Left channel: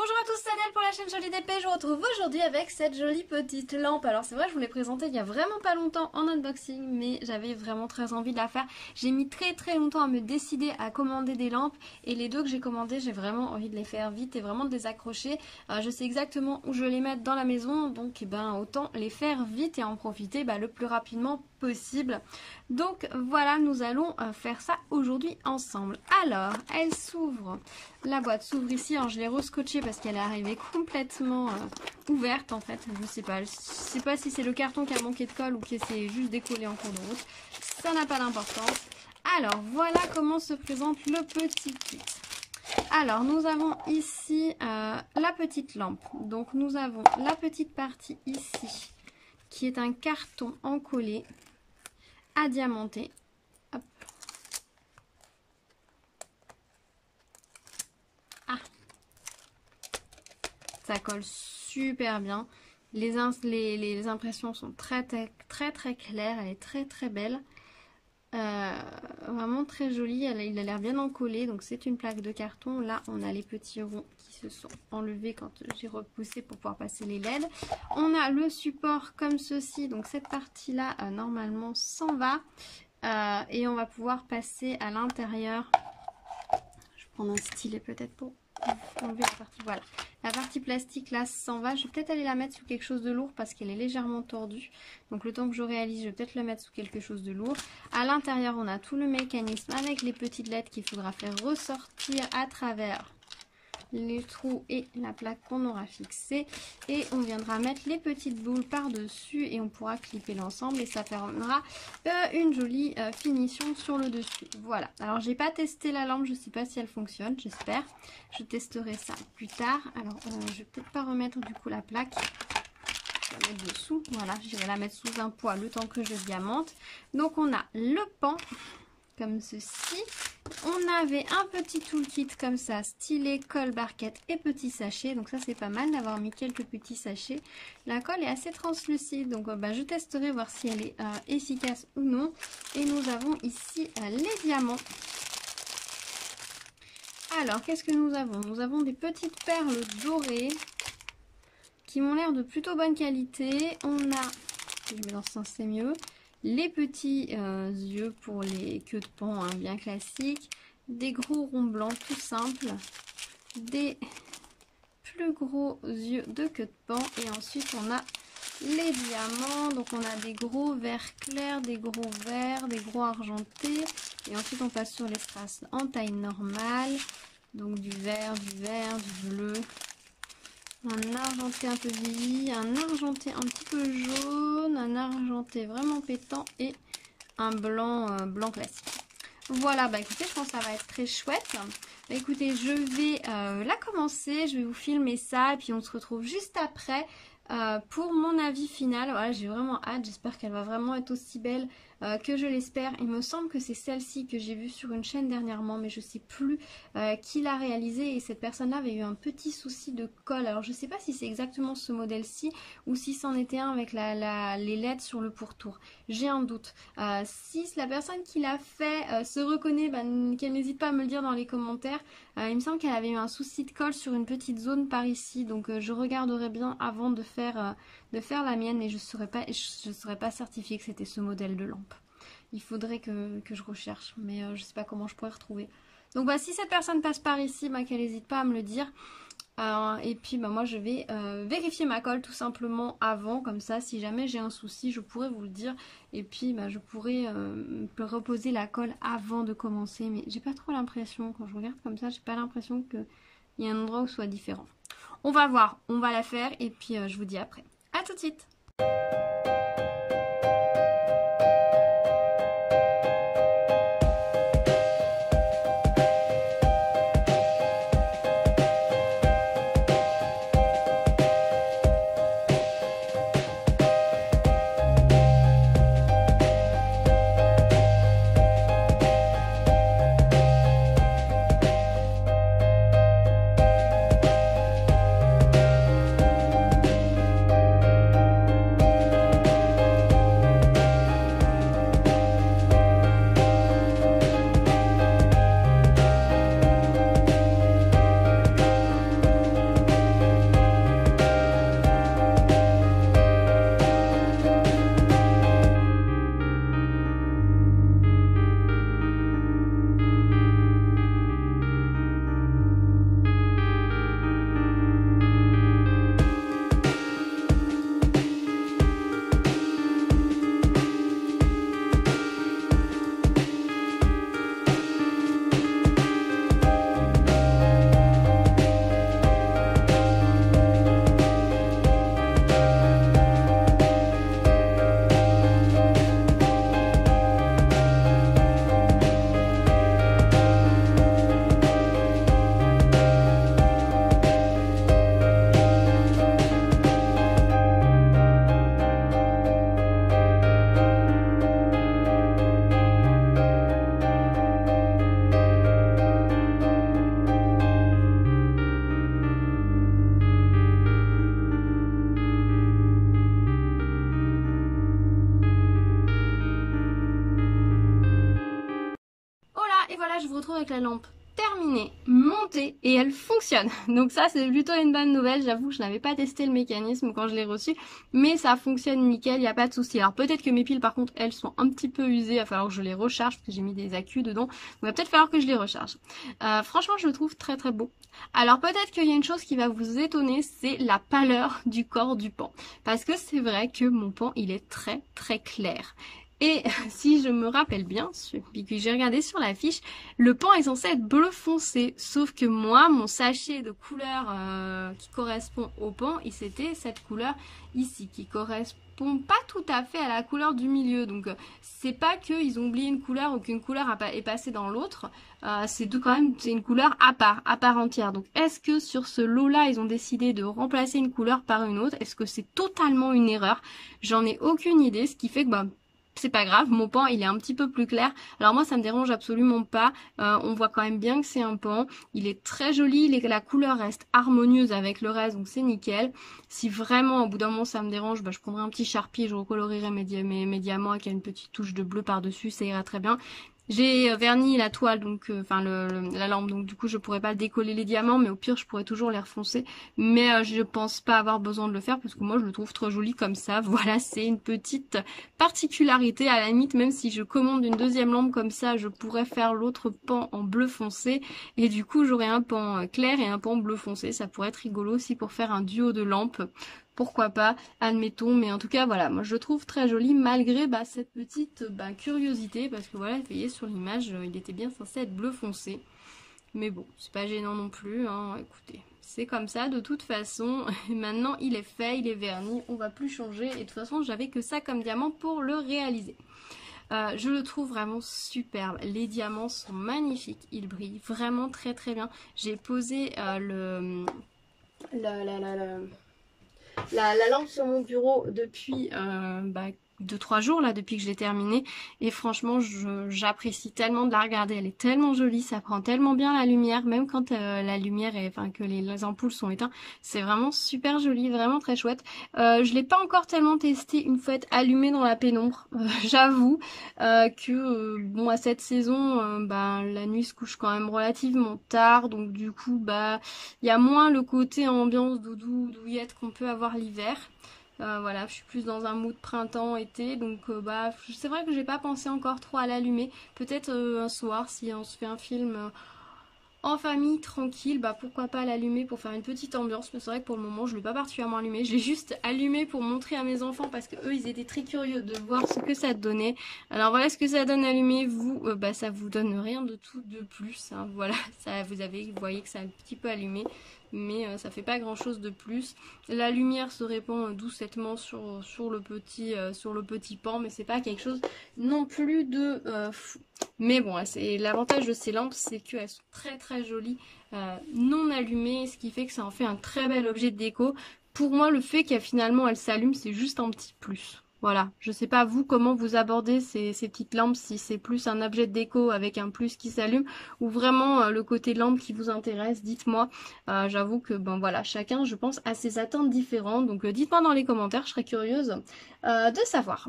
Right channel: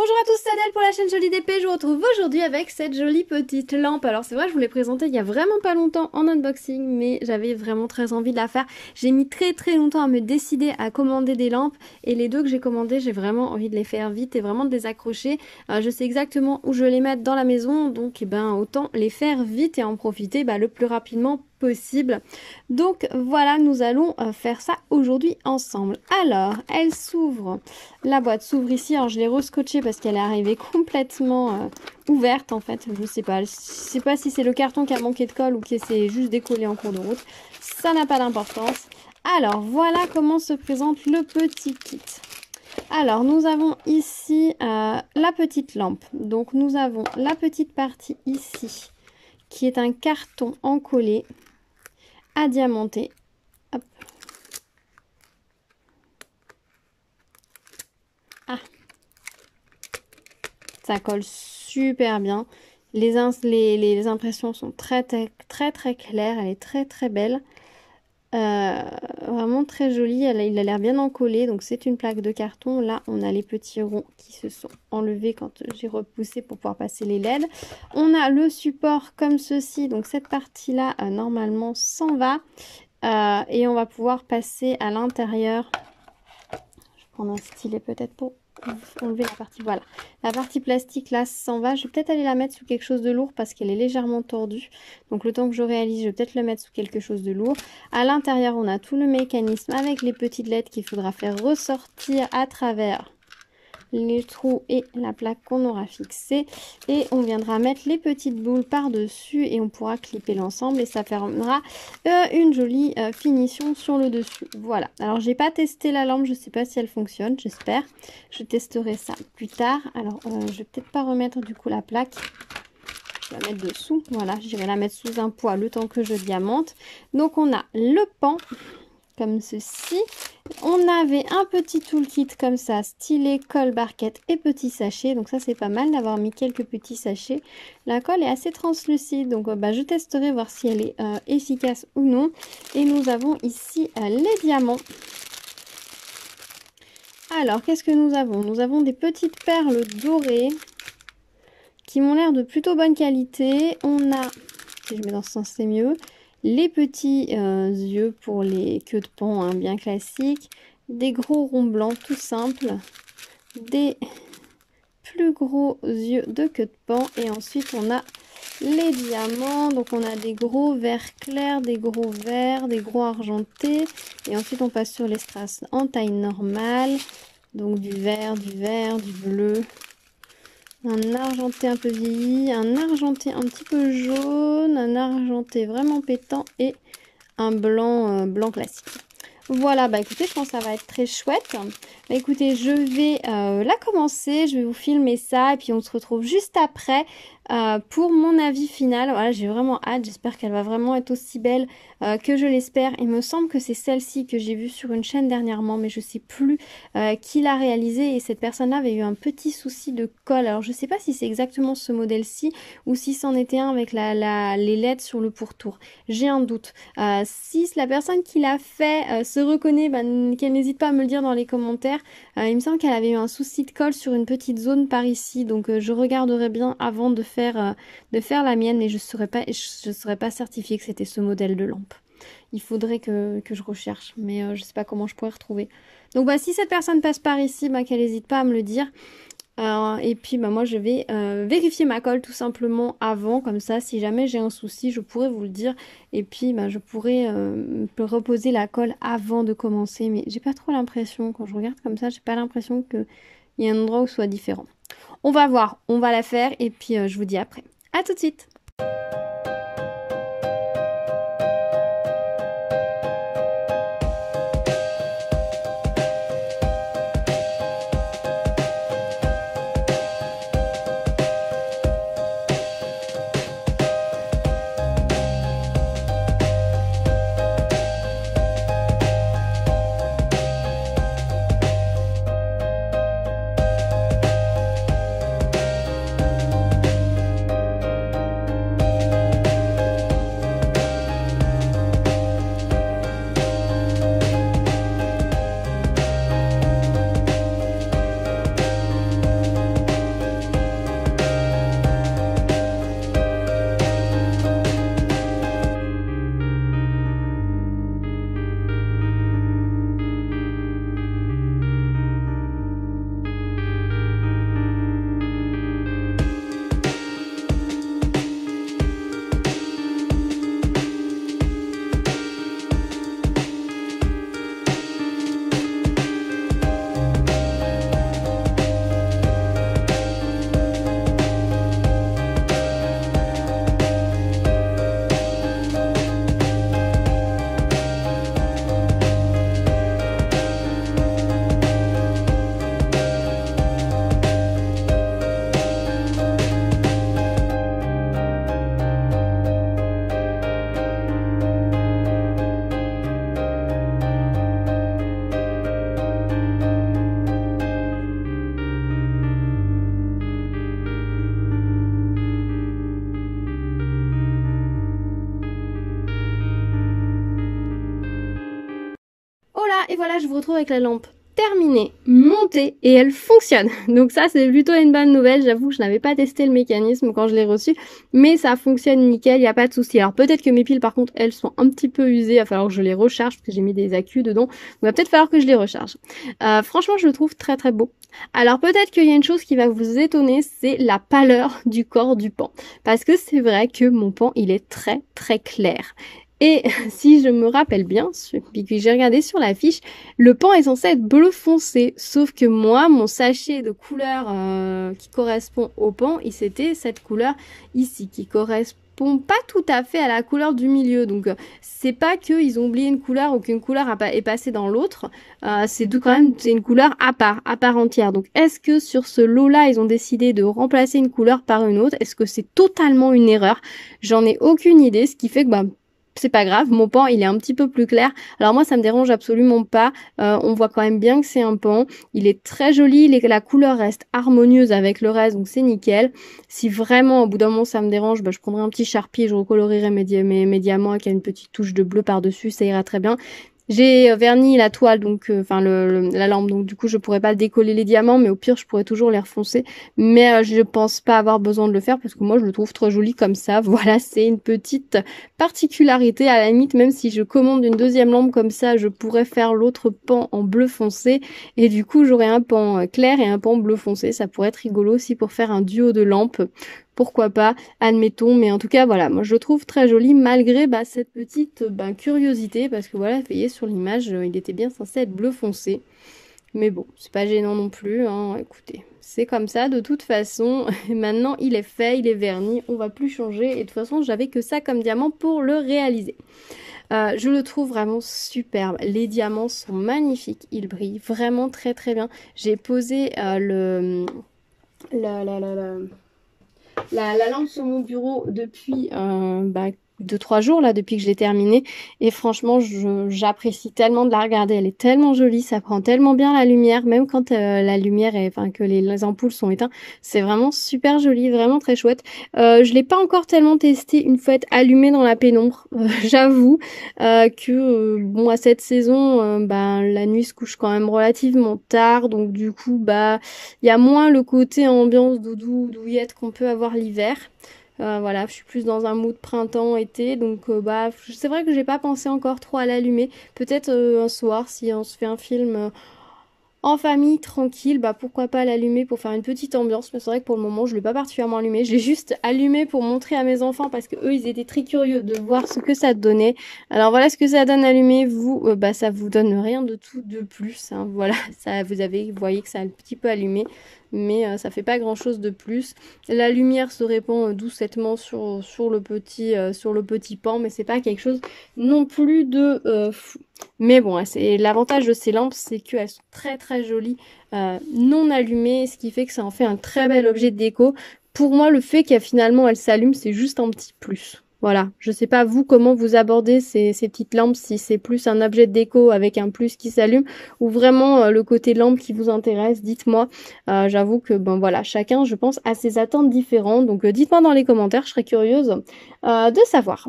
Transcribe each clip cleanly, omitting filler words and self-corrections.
Bonjour à tous, c'est Adèle pour la chaîne Jolie DP. Je vous retrouve aujourd'hui avec cette jolie petite lampe. Alors c'est vrai, je vous l'ai présentée il y a vraiment pas longtemps en unboxing, mais j'avais vraiment très envie de la faire. J'ai mis très longtemps à me décider à commander des lampes et les deux que j'ai commandées, j'ai vraiment envie de les faire vite et vraiment de les accrocher. Je sais exactement où je vais les mettre dans la maison, donc autant les faire vite et en profiter le plus rapidement possible. Donc voilà, nous allons faire ça aujourd'hui ensemble. Alors, elle s'ouvre, la boîte s'ouvre ici. Alors je l'ai rescotchée parce qu'elle est arrivée complètement ouverte en fait. Je sais pas si c'est le carton qui a manqué de colle ou qui s'est juste décollé en cours de route. Ça n'a pas d'importance. Alors voilà comment se présente le petit kit. Alors nous avons ici la petite lampe. Donc nous avons la petite partie ici qui est un carton encollé à diamanter. Hop. Ah, ça colle super bien. Les impressions sont très claires. Elle est très belle. Vraiment très jolie. Il a l'air bien encollé. Donc c'est une plaque de carton. Là on a les petits ronds qui se sont enlevés quand j'ai repoussé pour pouvoir passer les LED. On a le support comme ceci. Donc cette partie là normalement s'en va. Et on va pouvoir passer à l'intérieur. Je vais prendre un stylet peut-être pour enlever la partie, voilà. La partie plastique là s'en va. Je vais peut-être aller la mettre sous quelque chose de lourd parce qu'elle est légèrement tordue. Donc le temps que je réalise, je vais peut-être le mettre sous quelque chose de lourd. À l'intérieur, on a tout le mécanisme avec les petites LED qu'il faudra faire ressortir à travers les trous et la plaque qu'on aura fixée, et on viendra mettre les petites boules par dessus et on pourra clipper l'ensemble et ça permettra une jolie finition sur le dessus. Voilà, alors j'ai pas testé la lampe, je sais pas si elle fonctionne, j'espère, je testerai ça plus tard. Alors je vais peut-être pas remettre du coup la plaque, je vais la mettre dessous, voilà, j'irai la mettre sous un poids le temps que je diamante. Donc on a le pan comme ceci. On avait un petit toolkit comme ça, stylet, colle, barquette et petit sachet. Donc ça c'est pas mal d'avoir mis quelques petits sachets. La colle est assez translucide, donc je testerai voir si elle est efficace ou non. Et nous avons ici les diamants. Alors qu'est-ce que nous avons? Nous avons des petites perles dorées qui m'ont l'air de plutôt bonne qualité. On a, si je mets dans ce sens c'est mieux, les petits yeux pour les queues de pan bien classiques, des gros ronds blancs tout simples, des plus gros yeux de queue de pan, et ensuite on a les diamants. Donc on a des gros verts clairs, des gros verts, des gros argentés, et ensuite on passe sur les strass en taille normale, donc du vert, du bleu, un argenté un peu vieilli, un argenté un petit peu jaune, un argenté vraiment pétant et un blanc, blanc classique. Voilà, écoutez, je pense que ça va être très chouette. Écoutez, je vais la commencer, je vais vous filmer ça et puis on se retrouve juste après pour mon avis final. Voilà, j'ai vraiment hâte, j'espère qu'elle va vraiment être aussi belle que je l'espère. Il me semble que c'est celle-ci que j'ai vue sur une chaîne dernièrement, mais je sais plus qui l'a réalisée, et cette personne-là avait eu un petit souci de colle. Alors je sais pas si c'est exactement ce modèle-ci ou si c'en était un avec les LED sur le pourtour. J'ai un doute. Si la personne qui l'a fait se reconnaît, qu'elle n'hésite pas à me le dire dans les commentaires. Il me semble qu'elle avait eu un souci de colle sur une petite zone par ici, donc je regarderai bien avant de faire la mienne, et je serais pas certifiée que c'était ce modèle de lampe. Il faudrait que je recherche, mais je sais pas comment je pourrais retrouver. Donc si cette personne passe par ici, qu'elle n'hésite pas à me le dire. Et puis moi je vais vérifier ma colle tout simplement avant, comme ça si jamais j'ai un souci je pourrais vous le dire, et puis je pourrais reposer la colle avant de commencer, mais j'ai pas trop l'impression, quand je regarde comme ça, j'ai pas l'impression qu'il y a un endroit où ce soit différent. On va voir, on va la faire et puis je vous dis après. À tout de suite. là, je vous retrouve avec la lampe terminée, montée, et elle fonctionne. Donc ça, c'est plutôt une bonne nouvelle. J'avoue que je n'avais pas testé le mécanisme quand je l'ai reçu, mais ça fonctionne nickel, il n'y a pas de souci. Alors peut-être que mes piles, par contre, elles sont un petit peu usées. Il va falloir que je les recharge parce que j'ai mis des accus dedans. Donc il va peut-être falloir que je les recharge. Franchement, je le trouve très très beau. Alors peut-être qu'il y a une chose qui va vous étonner, c'est la pâleur du corps du pan. Parce que c'est vrai que mon pan, il est très très clair. Et si je me rappelle bien, puis que j'ai regardé sur la fiche, le pan est censé être bleu foncé. Sauf que moi, mon sachet de couleur qui correspond au pan, c'était cette couleur ici, qui correspond pas tout à fait à la couleur du milieu. Donc c'est pas qu'ils ont oublié une couleur ou qu'une couleur est passée dans l'autre. C'est quand même une couleur à part entière. Donc est-ce que sur ce lot-là, ils ont décidé de remplacer une couleur par une autre? Est-ce que c'est totalement une erreur? J'en ai aucune idée, ce qui fait que c'est pas grave, mon pan il est un petit peu plus clair. Alors moi ça me dérange absolument pas, on voit quand même bien que c'est un pan, il est très joli, la couleur reste harmonieuse avec le reste, donc c'est nickel. Si vraiment au bout d'un moment ça me dérange, je prendrai un petit Sharpie et je recolorierai mes diamants avec une petite touche de bleu par dessus, ça ira très bien. J'ai verni la toile, donc la lampe, donc du coup je pourrais pas décoller les diamants, mais au pire je pourrais toujours les refoncer. Mais je pense pas avoir besoin de le faire parce que moi je le trouve trop joli comme ça. Voilà, c'est une petite particularité. À la limite, même si je commande une deuxième lampe comme ça, je pourrais faire l'autre pan en bleu foncé et du coup j'aurais un pan clair et un pan bleu foncé. Ça pourrait être rigolo aussi pour faire un duo de lampes. Pourquoi pas, admettons, mais en tout cas voilà, moi je le trouve très joli malgré cette petite curiosité, parce que voilà, vous voyez sur l'image, il était bien censé être bleu foncé, mais bon, c'est pas gênant non plus, hein, écoutez, c'est comme ça de toute façon. Et maintenant il est fait, il est verni, on va plus changer, et de toute façon j'avais que ça comme diamant pour le réaliser. Je le trouve vraiment superbe, les diamants sont magnifiques, ils brillent vraiment très très bien. J'ai posé la lampe sur mon bureau depuis 2-3 jours là, depuis que je l'ai terminée, et franchement j'apprécie tellement de la regarder, elle est tellement jolie, ça prend tellement bien la lumière, même quand la lumière est, que les ampoules sont éteintes, c'est vraiment super joli, vraiment très chouette. Je l'ai pas encore tellement testé une fois allumée dans la pénombre, j'avoue que bon, à cette saison la nuit se couche quand même relativement tard, donc du coup il y a moins le côté ambiance doudou, douillette qu'on peut avoir l'hiver. Voilà, je suis plus dans un mood printemps-été, donc c'est vrai que j'ai pas pensé encore trop à l'allumer. Peut-être un soir, si on se fait un film en famille, tranquille, pourquoi pas l'allumer pour faire une petite ambiance. Mais c'est vrai que pour le moment, je l'ai pas particulièrement allumé. Je l'ai juste allumé pour montrer à mes enfants parce que eux, ils étaient très curieux de voir ce que ça donnait. Alors voilà ce que ça donne allumé. Vous, ça vous donne rien de tout de plus, hein. Voilà, ça, vous voyez que ça a un petit peu allumé, mais ça fait pas grand chose de plus. La lumière se répand doucettement sur le petit pan, mais c'est pas quelque chose non plus de fou. Mais bon, c'est l'avantage de ces lampes, c'est qu'elles sont très très jolies non allumées, ce qui fait que ça en fait un très bel objet de déco. Pour moi, le fait qu'elles finalement elles s'allument, c'est juste un petit plus. Voilà, je sais pas vous comment vous abordez ces petites lampes, si c'est plus un objet de déco avec un plus qui s'allume ou vraiment le côté lampe qui vous intéresse, dites-moi. J'avoue que voilà, chacun je pense a ses attentes différentes, donc dites-moi dans les commentaires, je serais curieuse de savoir.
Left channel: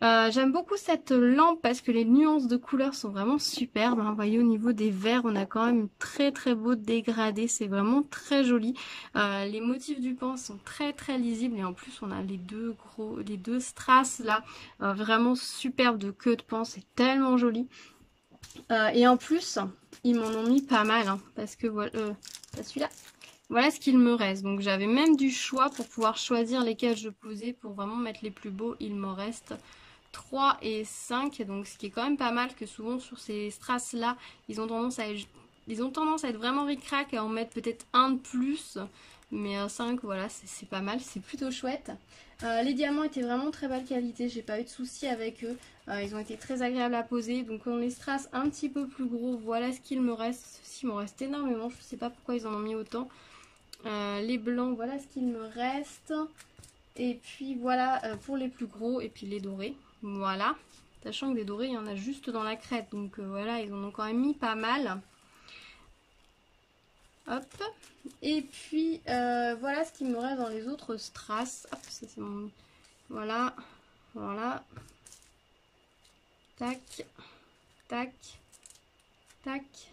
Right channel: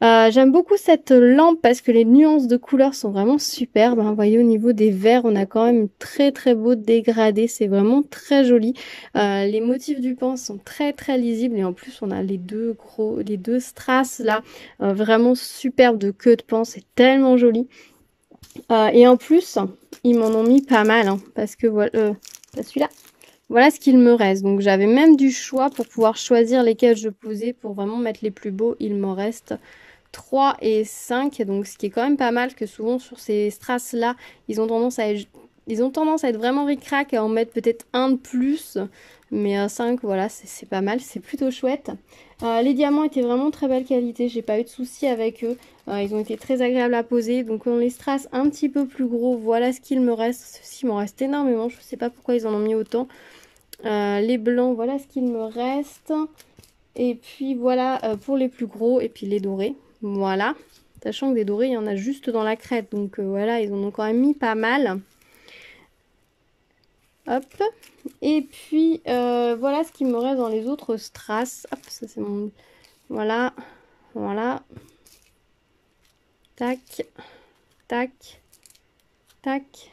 J'aime beaucoup cette lampe parce que les nuances de couleurs sont vraiment superbes, hein. Vous voyez au niveau des verts, on a quand même très très beau dégradé, c'est vraiment très joli. Les motifs du pan sont très très lisibles et en plus on a les deux strass là, vraiment superbes de queue de pan, c'est tellement joli. Et en plus, ils m'en ont mis pas mal, hein, parce que voilà, celui-là. Voilà ce qu'il me reste. Donc j'avais même du choix pour pouvoir choisir lesquels je posais pour vraiment mettre les plus beaux. Il m'en reste 3 et 5. Donc ce qui est quand même pas mal, que souvent sur ces strass là, ils ont tendance à être vraiment ric-rac, à en mettre peut-être un de plus. Mais 5, voilà, c'est pas mal, c'est plutôt chouette. Les diamants étaient vraiment très belle qualité, j'ai pas eu de soucis avec eux. Ils ont été très agréables à poser. Donc on les strass un petit peu plus gros, voilà ce qu'il me reste. Ceci m'en reste énormément, je sais pas pourquoi ils en ont mis autant. Les blancs, voilà ce qu'il me reste. Et puis voilà pour les plus gros, et puis les dorés, voilà. Sachant que des dorés, il y en a juste dans la crête, donc voilà, ils en ont quand même mis pas mal. Hop. Et puis voilà ce qu'il me reste dans les autres strass. Hop, ça c'est mon... Voilà. Voilà. Tac. Tac. tac.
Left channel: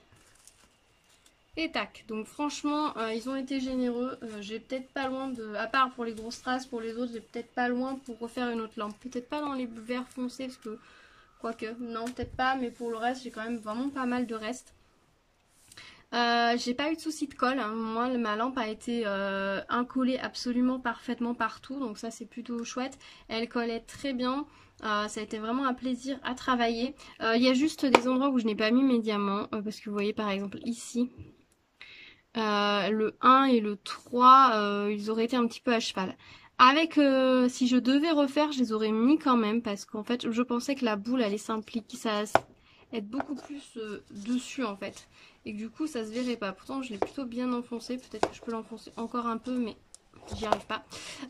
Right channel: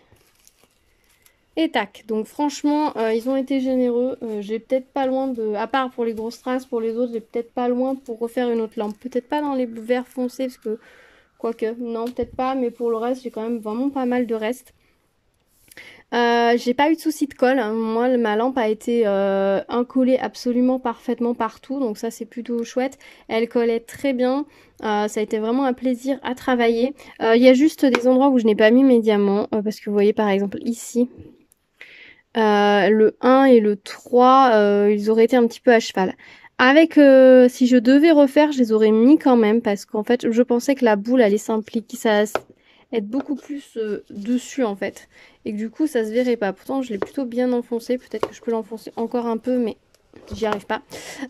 Et tac, donc franchement, ils ont été généreux. J'ai peut-être pas loin de... À part pour les grosses strass, pour les autres, j'ai peut-être pas loin pour refaire une autre lampe. Peut-être pas dans les verts foncés, parce que... Quoique, non, peut-être pas, mais pour le reste, j'ai quand même vraiment pas mal de reste. J'ai pas eu de soucis de colle, hein. Moi ma lampe a été incollée absolument parfaitement partout, donc ça c'est plutôt chouette. Elle collait très bien, ça a été vraiment un plaisir à travailler. Il y a juste des endroits où je n'ai pas mis mes diamants, parce que vous voyez par exemple ici, le 1 et le 3, ils auraient été un petit peu à cheval. Avec, si je devais refaire, je les aurais mis quand même, parce qu'en fait je pensais que la boule allait s'impliquer, ça être beaucoup plus dessus en fait, et que du coup ça se verrait pas. Pourtant je l'ai plutôt bien enfoncé, peut-être que je peux l'enfoncer encore un peu, mais j'y arrive pas.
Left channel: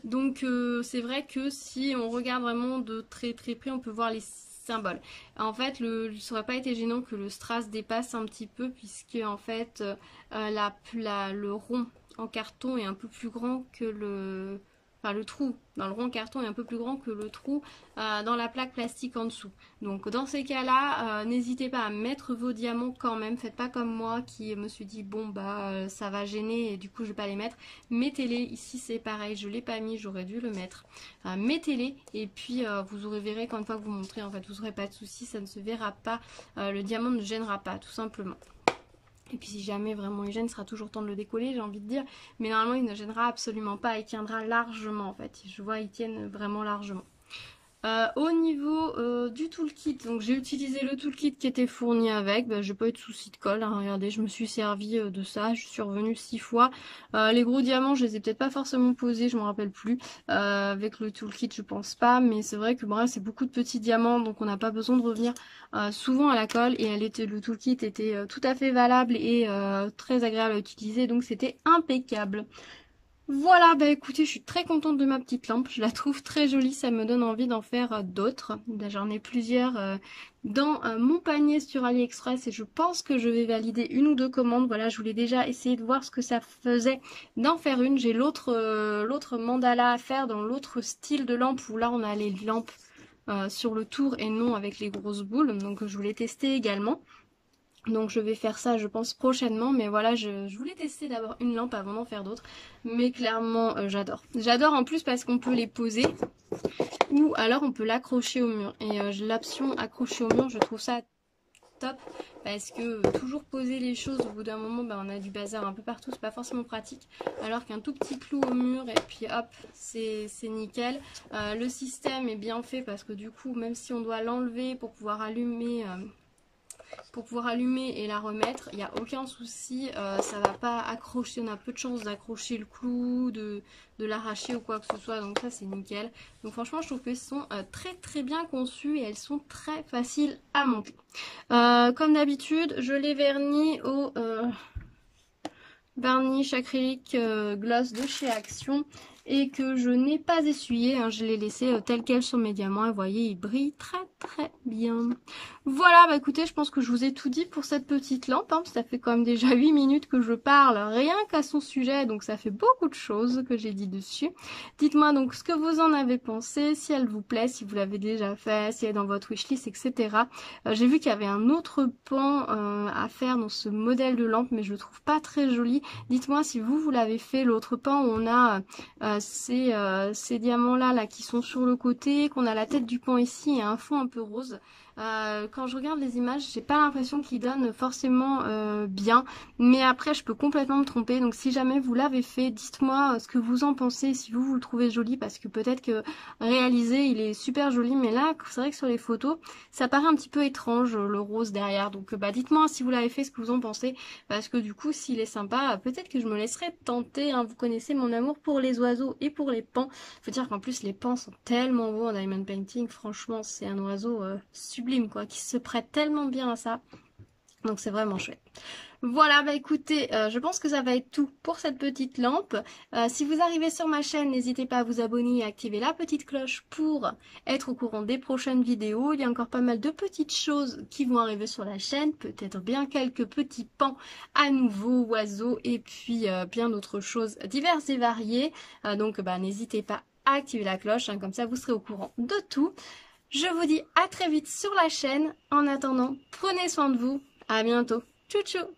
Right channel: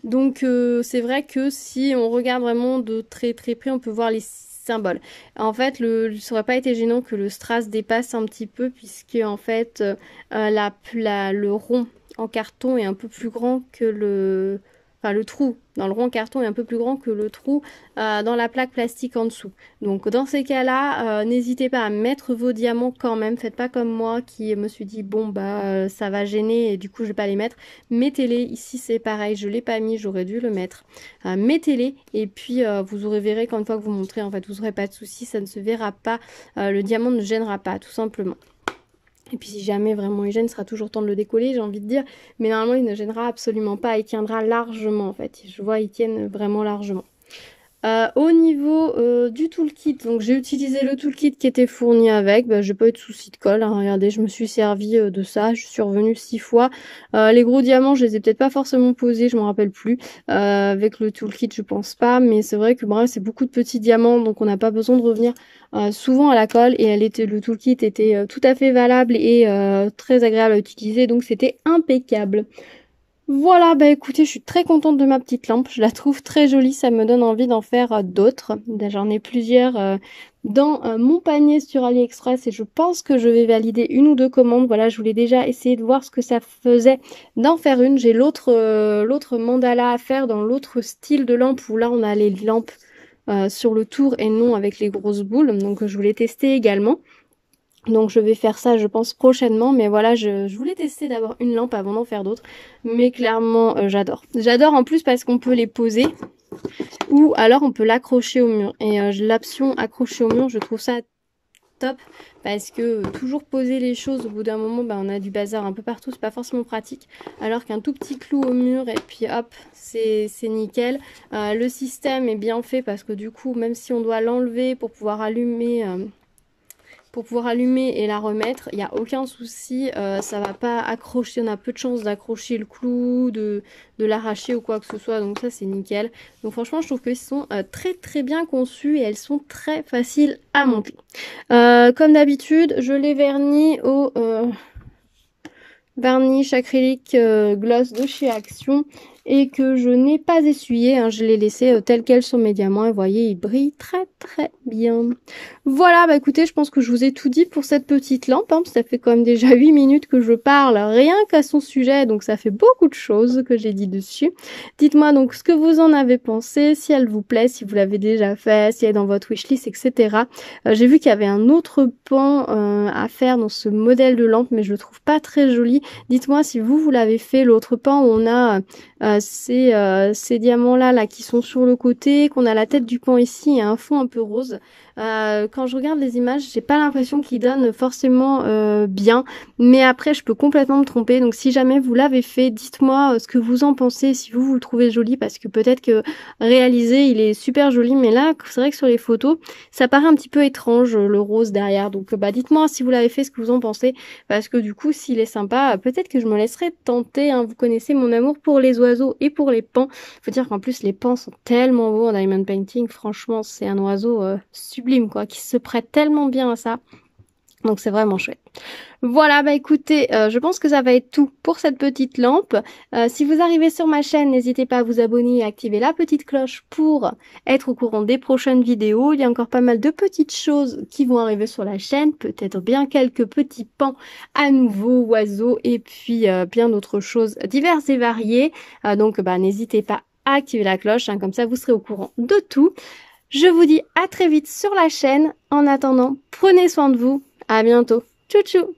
Donc c'est vrai que si on regarde vraiment de très très près, on peut voir les symboles. En fait, ça aurait pas été gênant que le strass dépasse un petit peu, puisque en fait le rond en carton est un peu plus grand que le... Enfin, le trou dans le rond en carton est un peu plus grand que le trou dans la plaque plastique en dessous. Donc dans ces cas-là, n'hésitez pas à mettre vos diamants quand même. Faites pas comme moi qui me suis dit bon bah ça va gêner et du coup je vais pas les mettre. Mettez-les. Ici c'est pareil, je l'ai pas mis, j'aurais dû le mettre. Mettez-les et puis vous aurez verrez qu'une fois que vous montrez, en fait vous n'aurez pas de soucis, ça ne se verra pas. Le diamant ne gênera pas tout simplement. Et puis si jamais vraiment il gêne, il sera toujours temps de le décoller, j'ai envie de dire. Mais normalement il ne gênera absolument pas, il tiendra largement en fait. Je vois ils tiennent vraiment largement. Au niveau du toolkit, donc j'ai utilisé le toolkit qui était fourni avec, j'ai pas eu de soucis de colle, hein. Regardez, je me suis servi de ça, je suis revenue 6 fois. Les gros diamants, je les ai peut-être pas forcément posés, je m'en rappelle plus. Avec le toolkit, je pense pas, mais c'est vrai que bref, c'est beaucoup de petits diamants, donc on n'a pas besoin de revenir souvent à la colle, et le toolkit était tout à fait valable et très agréable à utiliser, donc c'était impeccable. Voilà, bah écoutez, je suis très contente de ma petite lampe, je la trouve très jolie, ça me donne envie d'en faire d'autres. J'en ai plusieurs dans mon panier sur AliExpress et je pense que je vais valider une ou deux commandes. Voilà, je voulais déjà essayer de voir ce que ça faisait d'en faire une. J'ai l'autre mandala à faire dans l'autre style de lampe où là on a les lampes sur le tour et non avec les grosses boules, donc je voulais tester également. Donc je vais faire ça je pense prochainement, mais voilà, je voulais tester d'abord une lampe avant d'en faire d'autres, mais clairement j'adore. J'adore en plus parce qu'on peut les poser ou alors on peut l'accrocher au mur, et l'option accrocher au mur je trouve ça top, parce que toujours poser les choses au bout d'un moment, on a du bazar un peu partout, c'est pas forcément pratique, alors qu'un tout petit clou au mur et puis hop, c'est nickel. Le système est bien fait parce que du coup même si on doit l'enlever pour pouvoir allumer et la remettre, il n'y a aucun souci, ça va pas accrocher, on a peu de chance d'accrocher le clou, de l'arracher ou quoi que ce soit, donc ça c'est nickel. Donc franchement je trouve qu'ils sont très très bien conçus et elles sont très faciles à monter. Comme d'habitude, je les vernis au varnish acrylique gloss de chez Action, et que je n'ai pas essuyé, hein, je l'ai laissé tel quel sur mes diamants et vous voyez il brille très très bien. Voilà, bah écoutez, je pense que je vous ai tout dit pour cette petite lampe, hein. Ça fait quand même déjà 8 minutes que je parle rien qu'à son sujet, donc ça fait beaucoup de choses que j'ai dit dessus. Dites-moi donc ce que vous en avez pensé, si elle vous plaît, si vous l'avez déjà fait, si elle est dans votre wishlist, etc. J'ai vu qu'il y avait un autre pan à faire dans ce modèle de lampe, mais je le trouve pas très joli. Dites-moi si vous l'avez fait, l'autre pan où on a ces diamants là qui sont sur le côté, qu'on a la tête du pan ici et un fond un peu rose. Quand je regarde les images, j'ai pas l'impression qu'ils donnent forcément bien, mais après je peux complètement me tromper, donc si jamais vous l'avez fait, dites-moi ce que vous en pensez, si vous le trouvez joli, parce que peut-être que réalisé il est super joli, mais là c'est vrai que sur les photos ça paraît un petit peu étrange le rose derrière, donc dites-moi si vous l'avez fait, ce que vous en pensez, parce que du coup s'il est sympa, peut-être que je me laisserai tenter, hein. Vous connaissez mon amour pour les oiseaux et pour les pans, faut dire qu'en plus les pans sont tellement beaux en diamond painting, franchement c'est un oiseau sublime quoi, qui se prête tellement bien à ça, donc c'est vraiment chouette. Voilà, bah écoutez, je pense que ça va être tout pour cette petite lampe. Si vous arrivez sur ma chaîne, n'hésitez pas à vous abonner et à activer la petite cloche pour être au courant des prochaines vidéos. Il y a encore pas mal de petites choses qui vont arriver sur la chaîne, peut-être bien quelques petits pans à nouveau, oiseaux, et puis bien d'autres choses diverses et variées. Donc n'hésitez pas à activer la cloche, hein, comme ça vous serez au courant de tout. Je vous dis à très vite sur la chaîne. En attendant, prenez soin de vous. À bientôt. Tchou tchou!